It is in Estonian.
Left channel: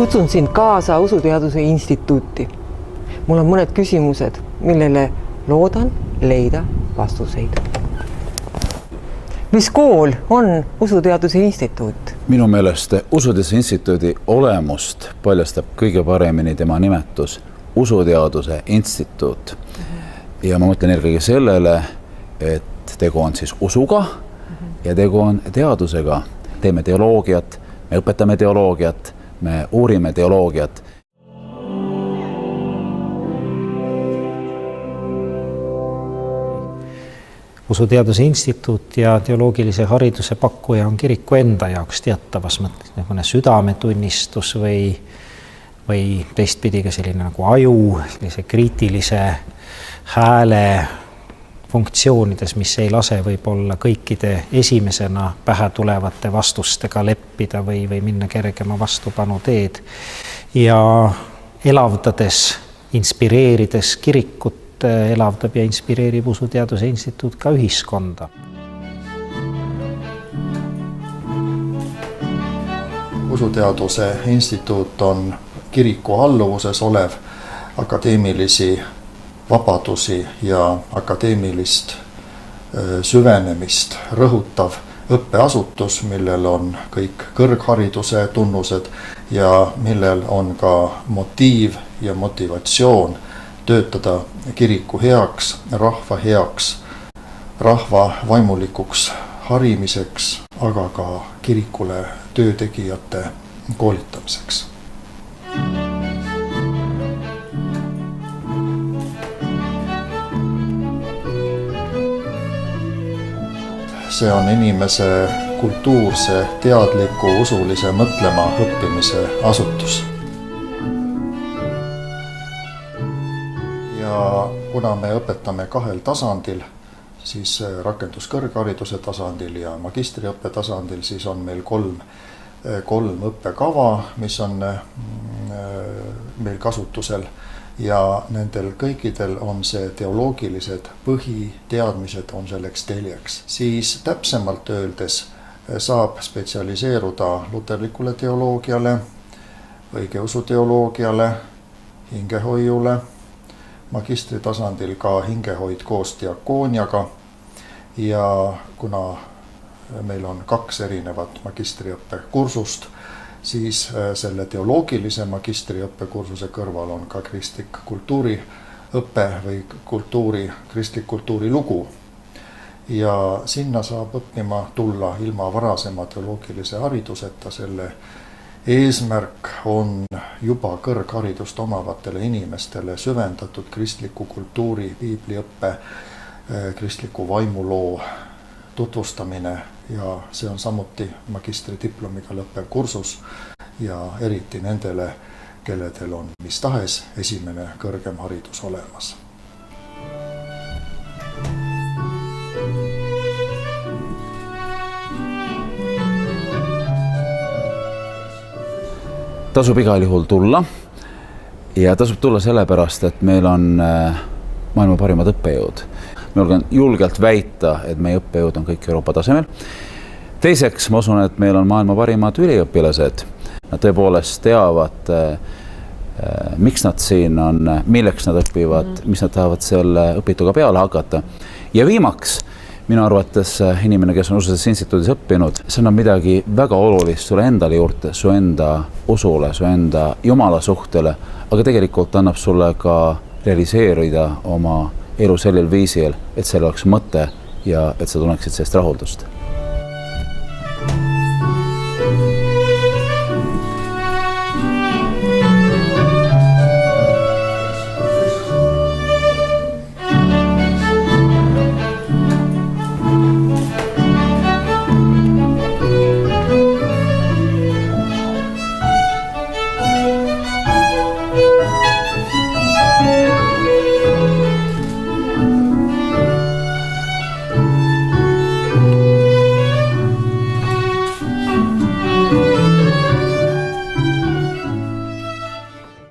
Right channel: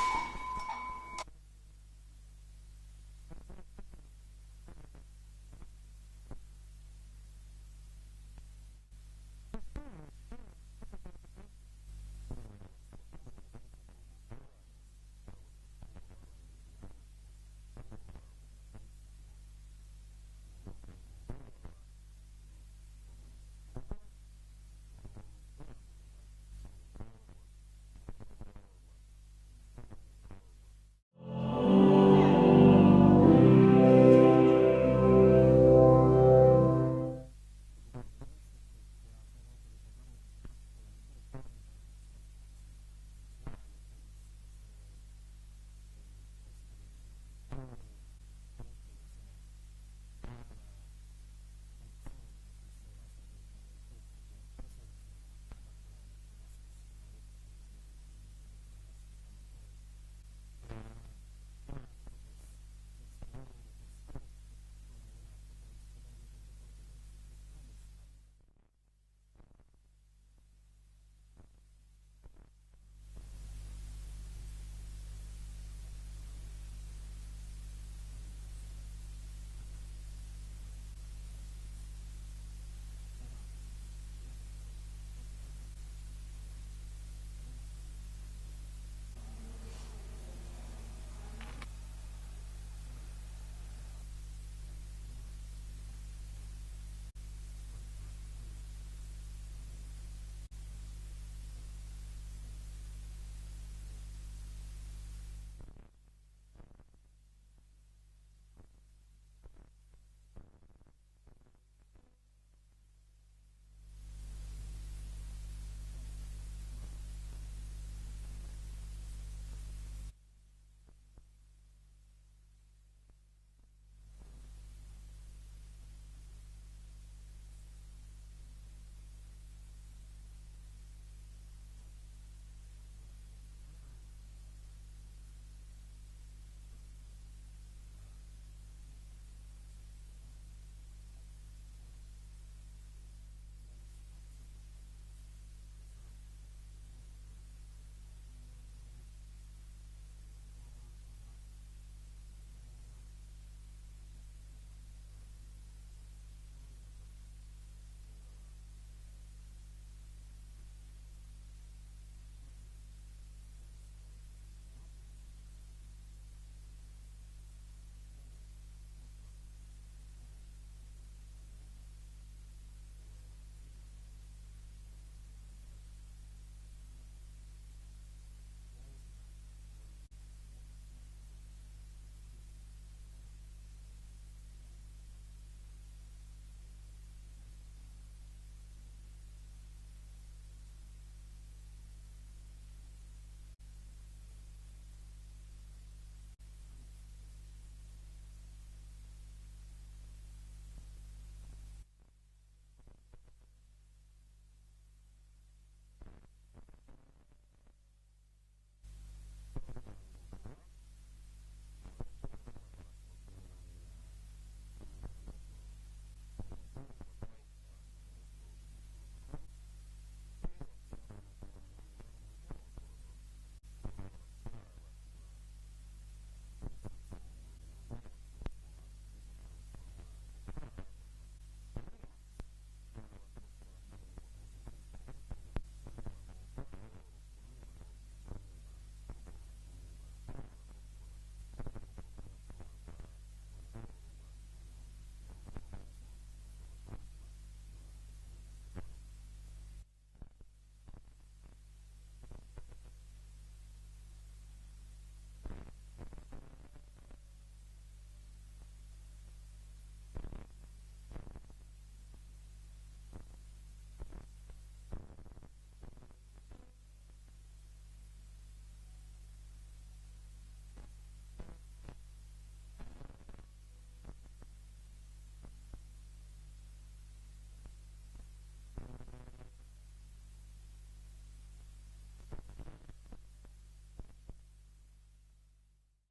Kutsun sind kaasa Usuteaduse Instituuti. Mul on mõned küsimused, millele loodan leida vastuseid. Mis kool on Usuteaduse Instituut? Minu meelest Usuteaduse Instituudi olemust paljastab kõige paremini tema nimetus Usuteaduse Instituut. Ja ma mõtlen eelkõige sellele, et tegu on siis usuga ja tegu on teadusega. Teeme teoloogiat, me õpetame teoloogiat, me uurime teoloogiat. Usuteaduse Instituut ja teoloogilise hariduse pakkuja on kiriku enda jaoks teatavas mõttes südametunnistus või teistpidi ka selline nagu aju, sellise kriitilise hääle funktsioonides, mis ei lase võib-olla kõikide esimesena pähe tulevate vastustega leppida või minna kergema vastupanu teed. Ja elavdades, inspireerides kirikut, elavdab ja inspireerib Usuteaduse Instituut ka ühiskonda. Usuteaduse Instituut on kiriku alluvuses olev akadeemilisi vabadusi ja akadeemilist süvenemist rõhutav õppeasutus, millel on kõik kõrghariduse tunnused ja millel on ka motiiv ja motivatsioon töötada kiriku heaks, rahva vaimulikuks harimiseks, aga ka kirikule töötegijate koolitamiseks. See on inimese kultuurse, teadliku, usulise mõtlema õppimise asutus. Ja kuna me õpetame kahel tasandil, siis rakenduskõrghariduse tasandil ja magistriõppe tasandil, siis on meil kolm õppekava, mis on meil kasutusel. Ja nendel kõikidel on see teoloogilised põhiteadmised on selleks teljeks. Siis täpsemalt öeldes saab spetsialiseeruda luterlikule teoloogiale, õigeusu teoloogiale, hingehoiule, magistri tasandil ka hingehoid koos diakooniaga. Ja kuna meil on 2 erinevat magistriõppe kursust, siis selle teoloogilise magistriõppekursuse kõrval on ka kristlik kultuuriõppe või kristlik kultuurilugu. Ja sinna saab õppima tulla ilma varasema teoloogilise hariduseta. Selle eesmärk on juba kõrgharidust omavatele inimestele süvendatud kristliku kultuuri, piibliõppe, kristliku vaimuloo tutvustamine. Ja see on samuti magistridiplomiga lõppev kursus ja eriti nendele, kelledel on mis tahes esimene kõrgem haridus olemas. Tasub igal juhul tulla ja tasub tulla sellepärast, et meil on maailma parimad õppejõud. Me olen julgelt väita, et meie õppejõud on kõik Euroopa tasemel. Teiseks, ma usun, et meil on maailma parimad üliõpilased. Nad tõepoolest teavad, miks nad siin on, milleks nad õpivad, mis nad tahavad selle õpituga peale hakata. Ja viimaks, minu arvates inimene, kes on Usuteaduse Instituudis õppinud, see annab midagi väga olulist sulle endale juurde, su enda usule, su enda Jumala suhtele, aga tegelikult annab sulle ka realiseerida oma elu sellel viisil, et seal oleks mõte ja et sa tunneksid sellest rahuldust.